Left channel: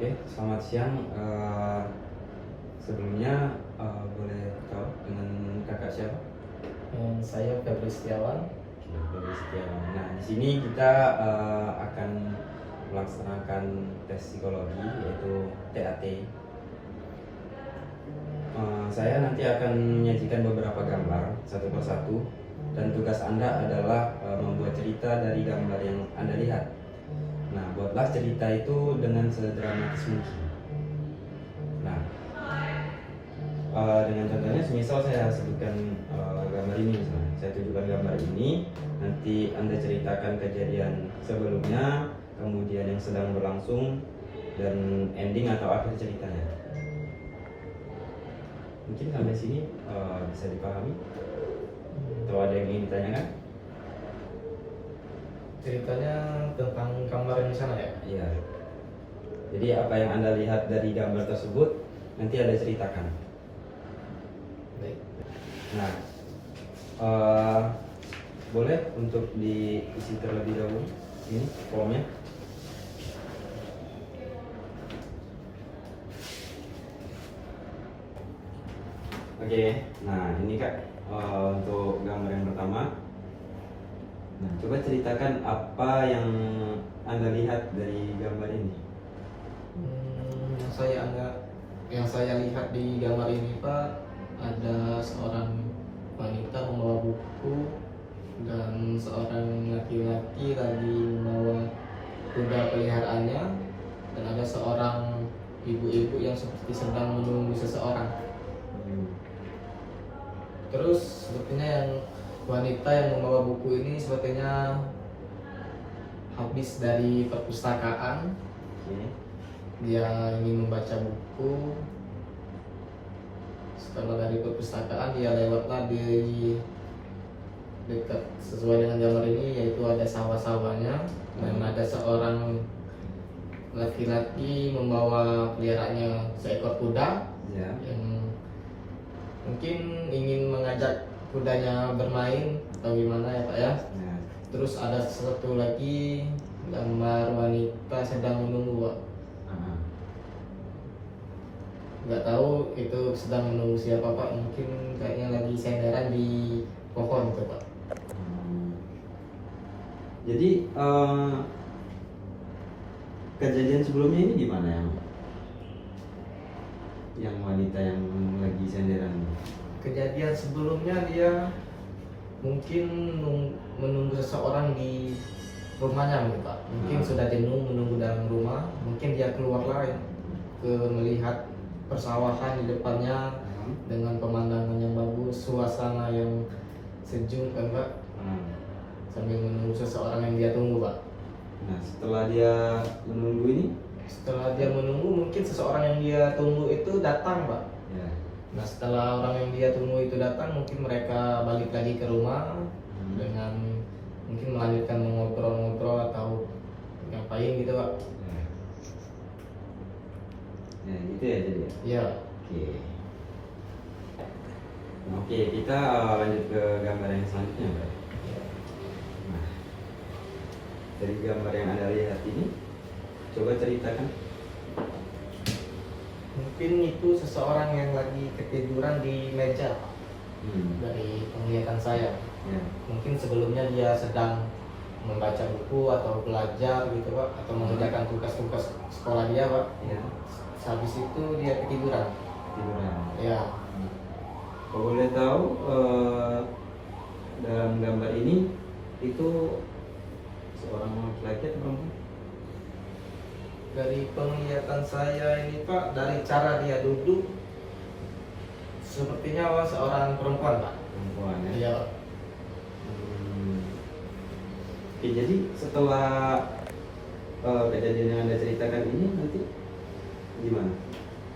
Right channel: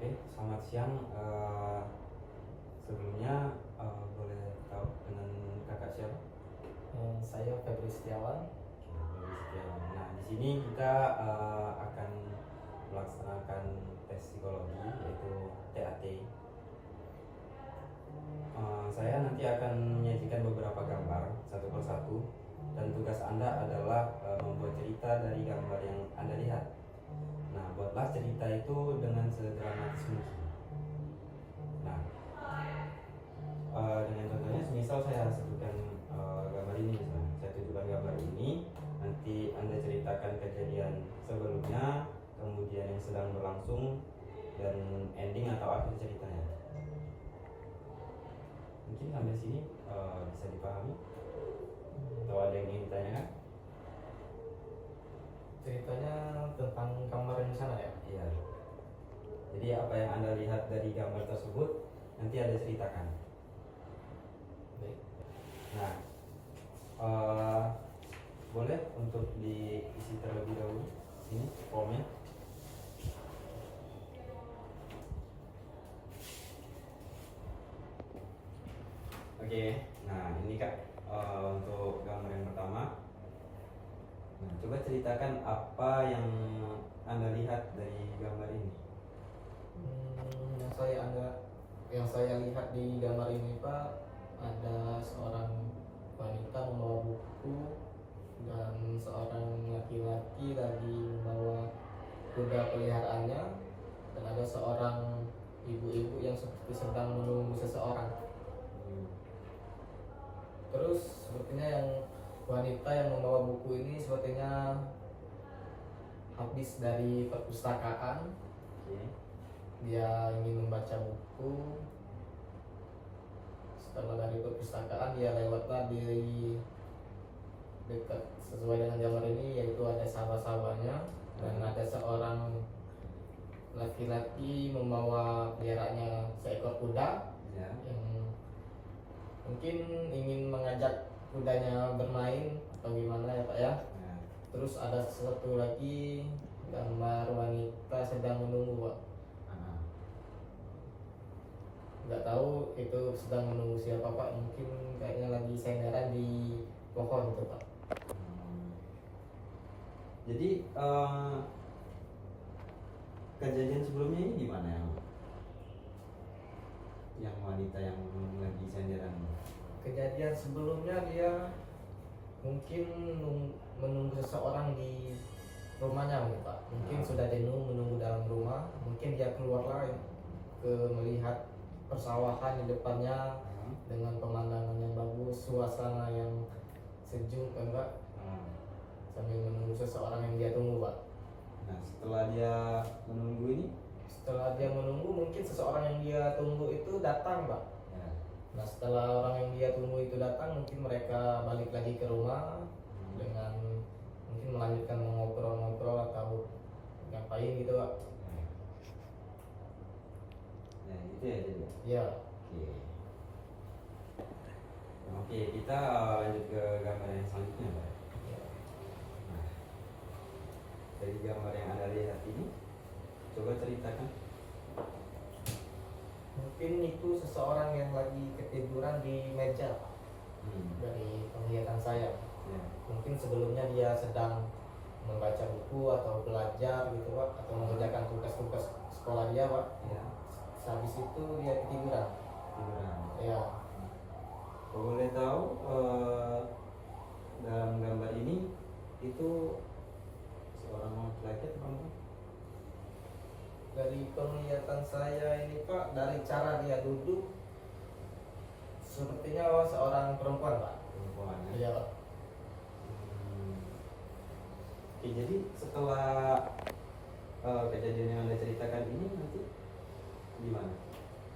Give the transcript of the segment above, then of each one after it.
Oke, selamat siang. Sebelumnya boleh tahu dengan kakak siapa? Saya Febri Setiawan. Dari Setiawan. Nah, di sini kita akan melaksanakan tes psikologi yaitu TAT. Saya nanti akan menyajikan beberapa gambar satu persatu dan tugas Anda adalah membuat cerita dari gambar yang Anda lihat. Nah, buatlah cerita itu dengan sedramatis mungkin. Nah, dengan contohnya, semisal saya sebutkan gambar ini misalnya, saya tunjukkan gambar ini, nanti Anda ceritakan kejadian sebelumnya, kemudian yang sedang berlangsung, dan ending atau akhir ceritanya. Mungkin sampai sini bisa dipahami? Atau ada yang ingin ditanyakan? Ceritanya tentang gambar yang di sana ya? Iya. Jadi apa yang Anda lihat dari gambar tersebut nanti Anda ceritakan. Baik. Nah, boleh untuk diisi terlebih dahulu ini formnya. Oke, nah ini Kak untuk gambar yang pertama. Nah, coba ceritakan apa yang Anda lihat dari gambar ini. Yang saya lihat di gambar ini Pak, ada seorang wanita membawa buku dan seorang laki-laki lagi membawa kuda peliharaannya, dan ada seorang ibu-ibu yang seperti sedang menunggu seseorang. Terus sepertinya yang wanita yang membawa buku ini sepertinya habis dari perpustakaan. Oke. Dia ingin membaca buku. Setelah dari perpustakaan dia lewatlah di dekat sesuai dengan gambar ini, yaitu ada sawah-sawahnya dan ada seorang laki-laki membawa peliharaannya seekor kuda Ya. yang mungkin ingin mengajak kudanya bermain atau gimana ya Pak ya. Ya. Terus ada satu lagi gambar wanita sedang menunggu Pak. Nggak tahu itu sedang menunggu siapa Pak, mungkin kayaknya lagi senderan di pohon itu Pak. Jadi kejadian sebelumnya ini gimana yang wanita yang lagi senderan? Kejadian sebelumnya dia mungkin menunggu seseorang di rumahnya gitu Pak. Mungkin sudah jenuh menunggu dalam rumah, mungkin dia keluarlah ke melihat persawahan di depannya dengan pemandangan yang bagus, suasana yang sejuk kan Pak, sambil menunggu seseorang yang dia tunggu Pak. Nah, setelah dia menunggu ini, Setelah dia menunggu, mungkin seseorang yang dia tunggu itu datang Pak. ya. Nah setelah orang yang dia tunggu itu datang, mungkin mereka balik lagi ke rumah dengan mungkin melanjutkan mengobrol-ngobrol atau ngapain gitu Pak. Ya, gitu ya jadi. Ya. Oke. Oke, kita lanjut ke gambar yang selanjutnya, Pak. Nah, dari gambar yang Anda lihat ini, coba ceritakan. Mungkin itu seseorang yang lagi ketiduran di meja Pak. Dari penglihatan saya. Ya. Mungkin sebelumnya dia sedang membaca buku atau belajar gitu Pak, atau mengerjakan tugas-tugas sekolah dia Pak. Ya. Habis itu dia ketiduran. Tiduran. Ya. Kalau boleh tahu dalam gambar ini itu seorang laki-laki atau perempuan? Dari penglihatan saya ini Pak, dari cara dia duduk sepertinya seorang perempuan Pak. Perempuan ya. Iya Pak. Oke, jadi setelah kejadian yang Anda ceritakan ini nanti gimana?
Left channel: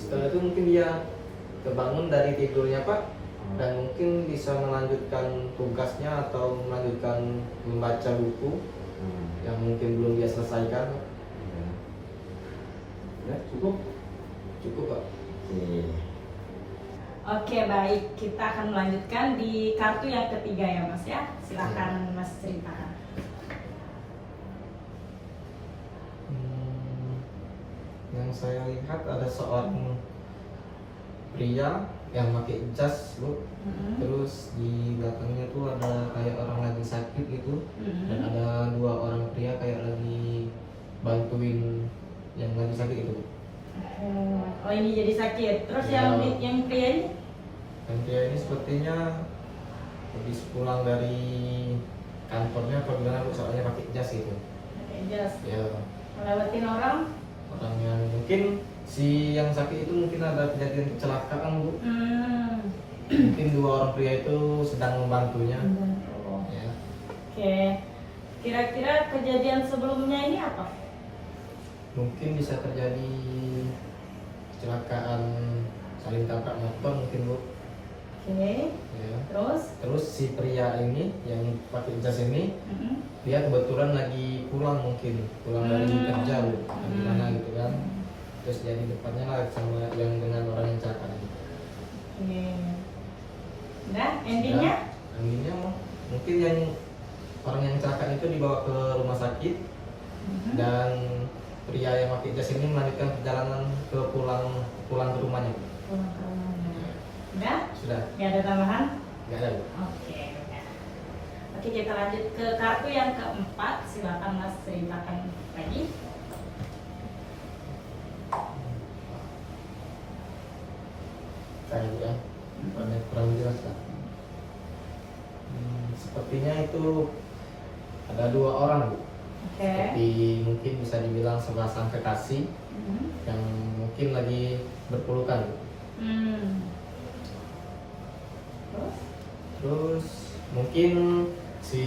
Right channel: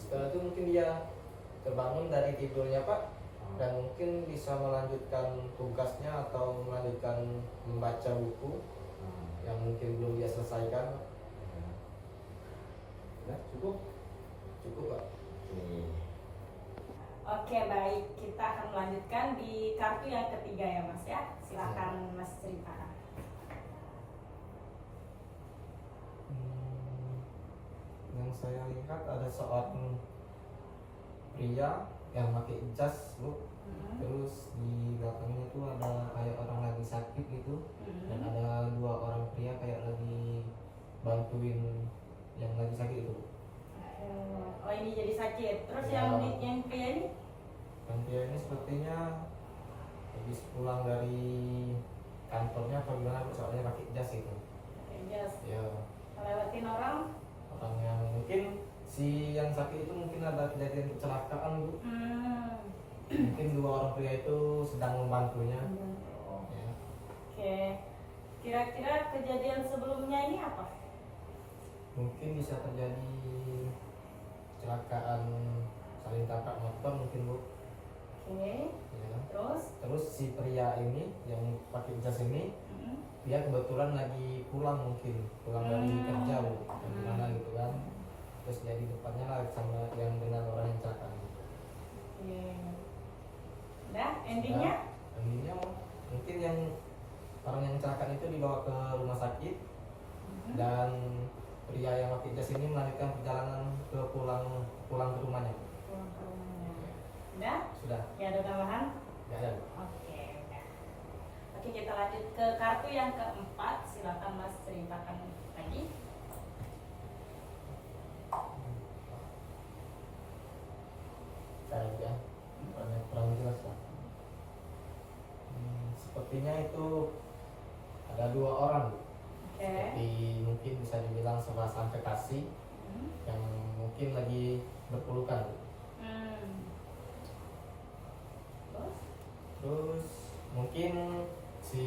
Setelah itu mungkin dia kebangun dari tidurnya Pak, dan mungkin bisa melanjutkan tugasnya atau melanjutkan membaca buku yang mungkin belum dia selesaikan Pak. Ya, cukup? Cukup Pak. Oke, baik. Kita akan melanjutkan di kartu yang ketiga ya Mas ya. Silakan Mas ceritakan. Yang Yang saya lihat ada seorang pria yang pakai jas bu, terus di belakangnya tuh ada kayak orang lagi sakit gitu, dan ada dua orang pria kayak lagi bantuin yang lagi sakit itu. Oh ini jadi sakit. Terus Ya. yang pria ini? Yang pria ini sepertinya habis pulang dari kantornya atau gimana bu, soalnya pakai jas itu. Pakai jas. Ya, Melewatin orang. orang yang mungkin si yang sakit itu mungkin ada kejadian kecelakaan bu. Mungkin dua orang pria itu sedang membantunya. Membantu. Ya. Oke. Kira-kira kejadian sebelumnya ini apa? Mungkin bisa terjadi kecelakaan saling tabrak motor mungkin bu. Oke. Ya. Terus? Si pria ini yang pakai jas ini dia kebetulan lagi pulang dari kerja bu, atau gimana gitu kan. Terus jadi depannya lah sama yang dengan orang yang celaka gitu. Oke. Udah, endingnya? Endingnya mungkin yang orang yang celaka itu dibawa ke rumah sakit, dan pria yang pakai jas ini melanjutkan perjalanan pulang ke rumahnya. Pulang ke rumahnya. Udah? Sudah? Gak ada tambahan? Nggak ada bu. Oke, udah. Oke, kita lanjut ke kartu yang keempat. Silakan Mas ceritakan lagi. Kayak ya, kurang jelas lah. Sepertinya itu ada dua orang bu. Oke. Seperti mungkin bisa dibilang sepasang kekasih yang mungkin lagi berpelukan bu. Terus? Terus mungkin si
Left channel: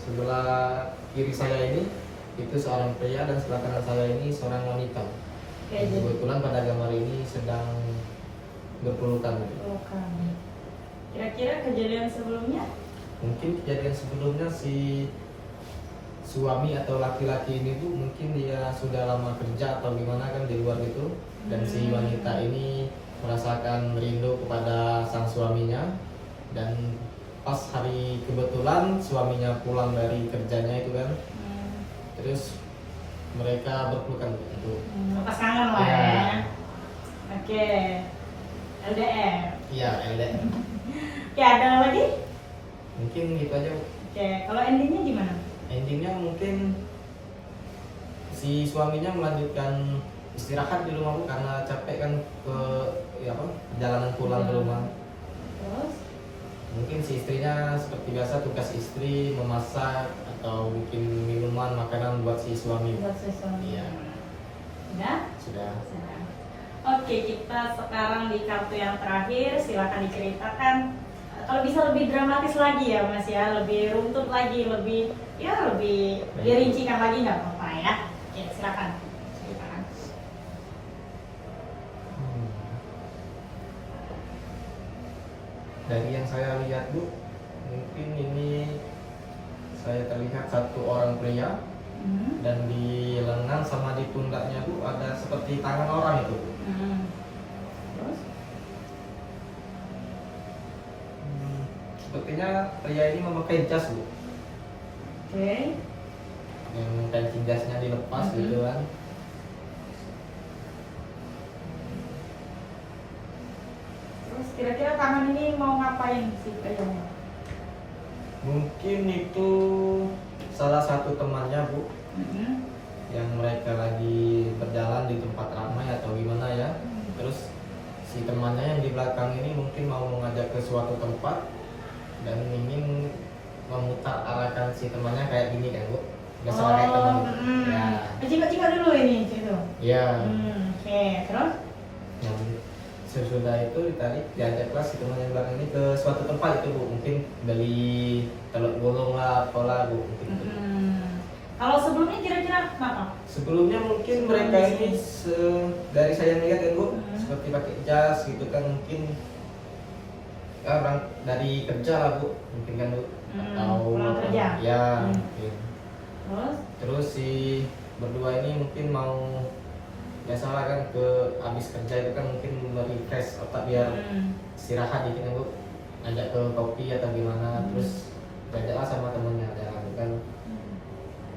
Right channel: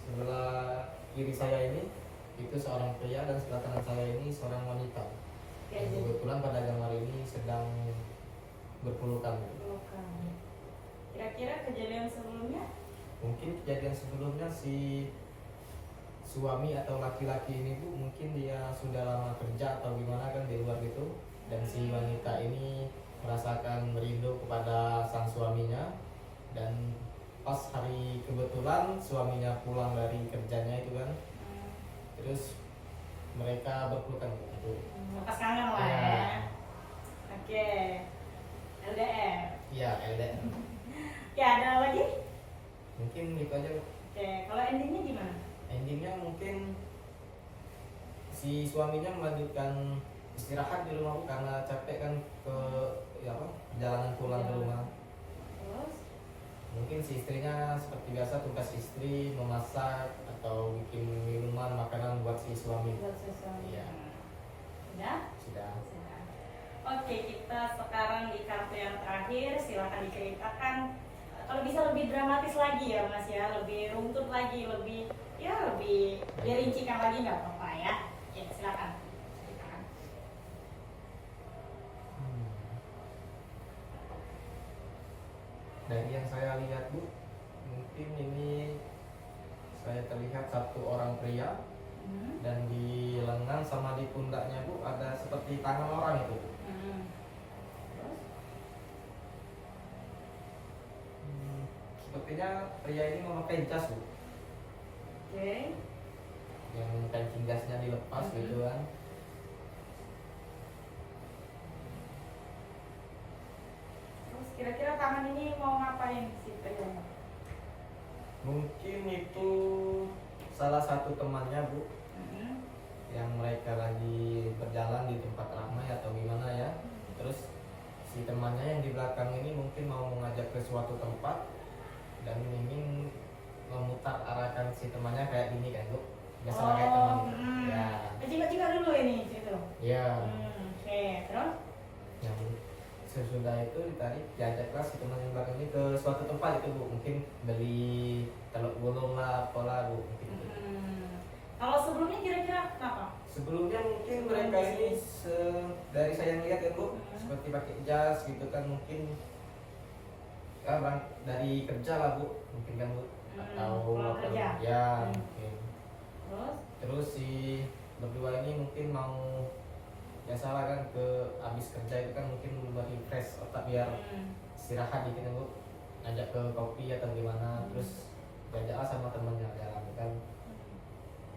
sebelah kiri saya ini itu seorang pria dan sebelah kanan saya ini seorang wanita. Oke, jadi Kebetulan pada gambar ini sedang berpelukan. pelukan. Kira-kira kejadian sebelumnya? Mungkin kejadian sebelumnya si suami atau laki-laki ini bu, mungkin dia sudah lama kerja atau gimana kan di luar gitu, dan si wanita ini merasakan rindu kepada sang suaminya, dan pas hari kebetulan suaminya pulang dari kerjanya itu kan, terus mereka berpelukan gitu. Lepas kangen lah Ya. ya. Oke. LDR. Iya, LDR. Oke, ada lagi? Mungkin gitu aja bu. Oke, kalau endingnya gimana? Endingnya mungkin si suaminya melanjutkan istirahat di rumah bu, karena capek kan perjalanan pulang ke rumah. Terus? Mungkin si istrinya seperti biasa tugas istri memasak atau bikin minuman makanan buat si suami. Buat sesuatu. Iya. Udah? Sudah. Sudah. Oke, kita sekarang di kartu yang terakhir. Silakan diceritakan. Kalau bisa lebih dramatis lagi ya Mas ya, lebih runtut lagi, lebih dirincikan lagi nggak apa-apa ya. Oke, silakan. Ceritakan. Dari yang saya lihat bu, mungkin ini saya terlihat satu orang pria, dan di lengan sama di pundaknya bu ada seperti tangan orang itu bu. Terus? Sepertinya pria ini memakai jas bu, Oke. yang kancing jasnya dilepas gitu kan. Terus kira-kira tangan ini mau ngapain sih kayaknya? Mungkin itu salah satu temannya bu, yang mereka lagi berjalan di tempat ramai atau gimana ya. Terus si temannya yang di belakang ini mungkin mau mengajak ke suatu tempat dan ingin memutar arahkan si temannya kayak gini kan bu, biasa kayak teman gitu. Ya, Cika-cika dulu ini situ. ya. Oke, terus? Yang sesudah itu diajaklah si teman yang belakang ini ke suatu tempat itu bu, mungkin beli telur gulung lah, apalah bu, mungkin gitu. Kalau sebelumnya kira-kira kenapa? Sebelumnya mungkin mereka ini dari saya lihat kan bu, seperti pakai jas gitu kan, mungkin orang dari kerja lah bu, mungkin kan bu, atau pulang kerja. ya mungkin. Terus? Terus si berdua ini mungkin mau biasalah kan ke habis kerja itu kan mungkin merefresh otak biar istirahat dikit kan bu, ngajak ke kopi atau gimana, terus jalan sama temennya jalan kan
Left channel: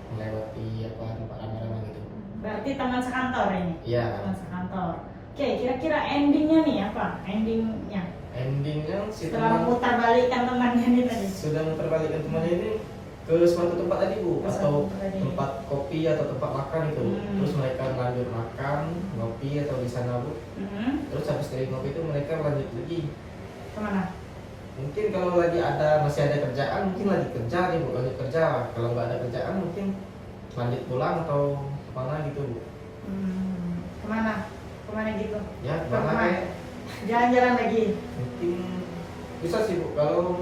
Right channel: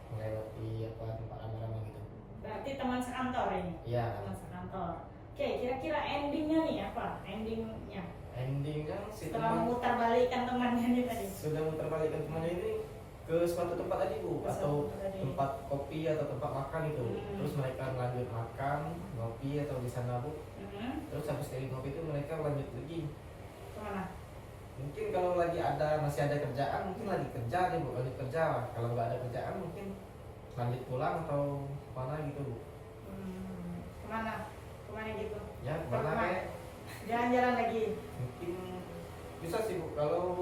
melewati tempat ramai-ramai gitu. Berarti teman sekantor ini. Iya. Teman sekantor. Oke, kira-kira endingnya nih apa? Endingnya Endingnya si setelah teman memutar balikan temannya ini tadi. sudah memperbalikan temannya ini ke suatu tempat tadi Bu, Ke suatu atau tempat tadi. tempat kopi atau tempat makan itu. Terus mereka lanjut makan, ngopi atau di sana Bu. Terus habis dari ngopi itu mereka lanjut lagi. Kemana? Mungkin kalau lagi masih ada kerjaan, mungkin lagi kerja nih Bu, lanjut kerja. Kalau nggak ada kerjaan mungkin lanjut pulang atau kemana gitu Bu. Kemana? Kemana gitu? Ya Ke kemana rumah? kayak Jalan-jalan lagi. mungkin bisa sih Bu, kalau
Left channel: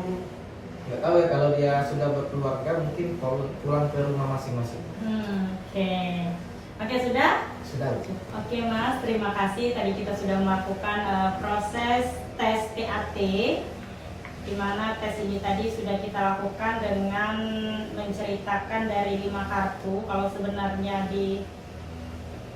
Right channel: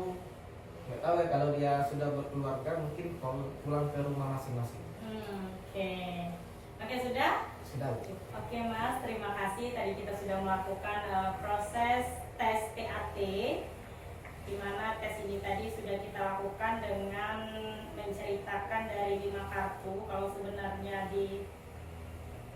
nggak tahu ya, kalau dia sudah berkeluarga mungkin pulang ke rumah masing-masing. Oke. Oke, sudah? Sudah Bu. Oke Mas, terima kasih. Tadi kita sudah melakukan proses tes TAT, di mana tes ini tadi sudah kita lakukan dengan menceritakan dari 5 kartu. Kalau sebenarnya di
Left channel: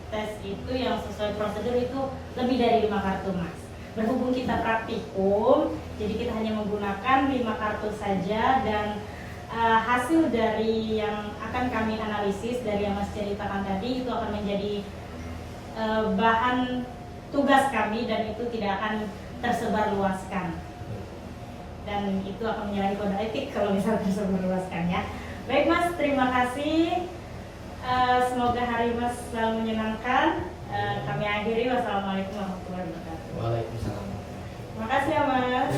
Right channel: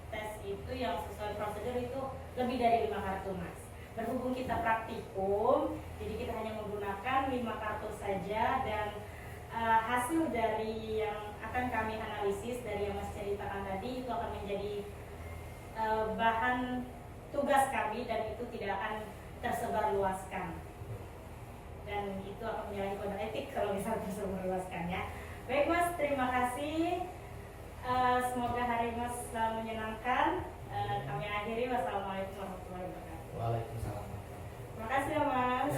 tes itu yang sesuai prosedur itu lebih dari 5 kartu Mas. Berhubung kita praktikum, jadi kita hanya menggunakan 5 kartu saja, dan hasil dari yang akan kami analisis dari yang Mas ceritakan tadi itu akan menjadi bahan tugas kami, dan itu tidak akan tersebar luaskan, dan itu akan menyalahi kode etik kalau misalnya tersebar luaskan ya. Baik Mas, terima kasih. Semoga hari Mas selalu menyenangkan. Kami akhiri, wassalamualaikum warahmatullahi wabarakatuh. Waalaikumsalam. Makasih ya Mas.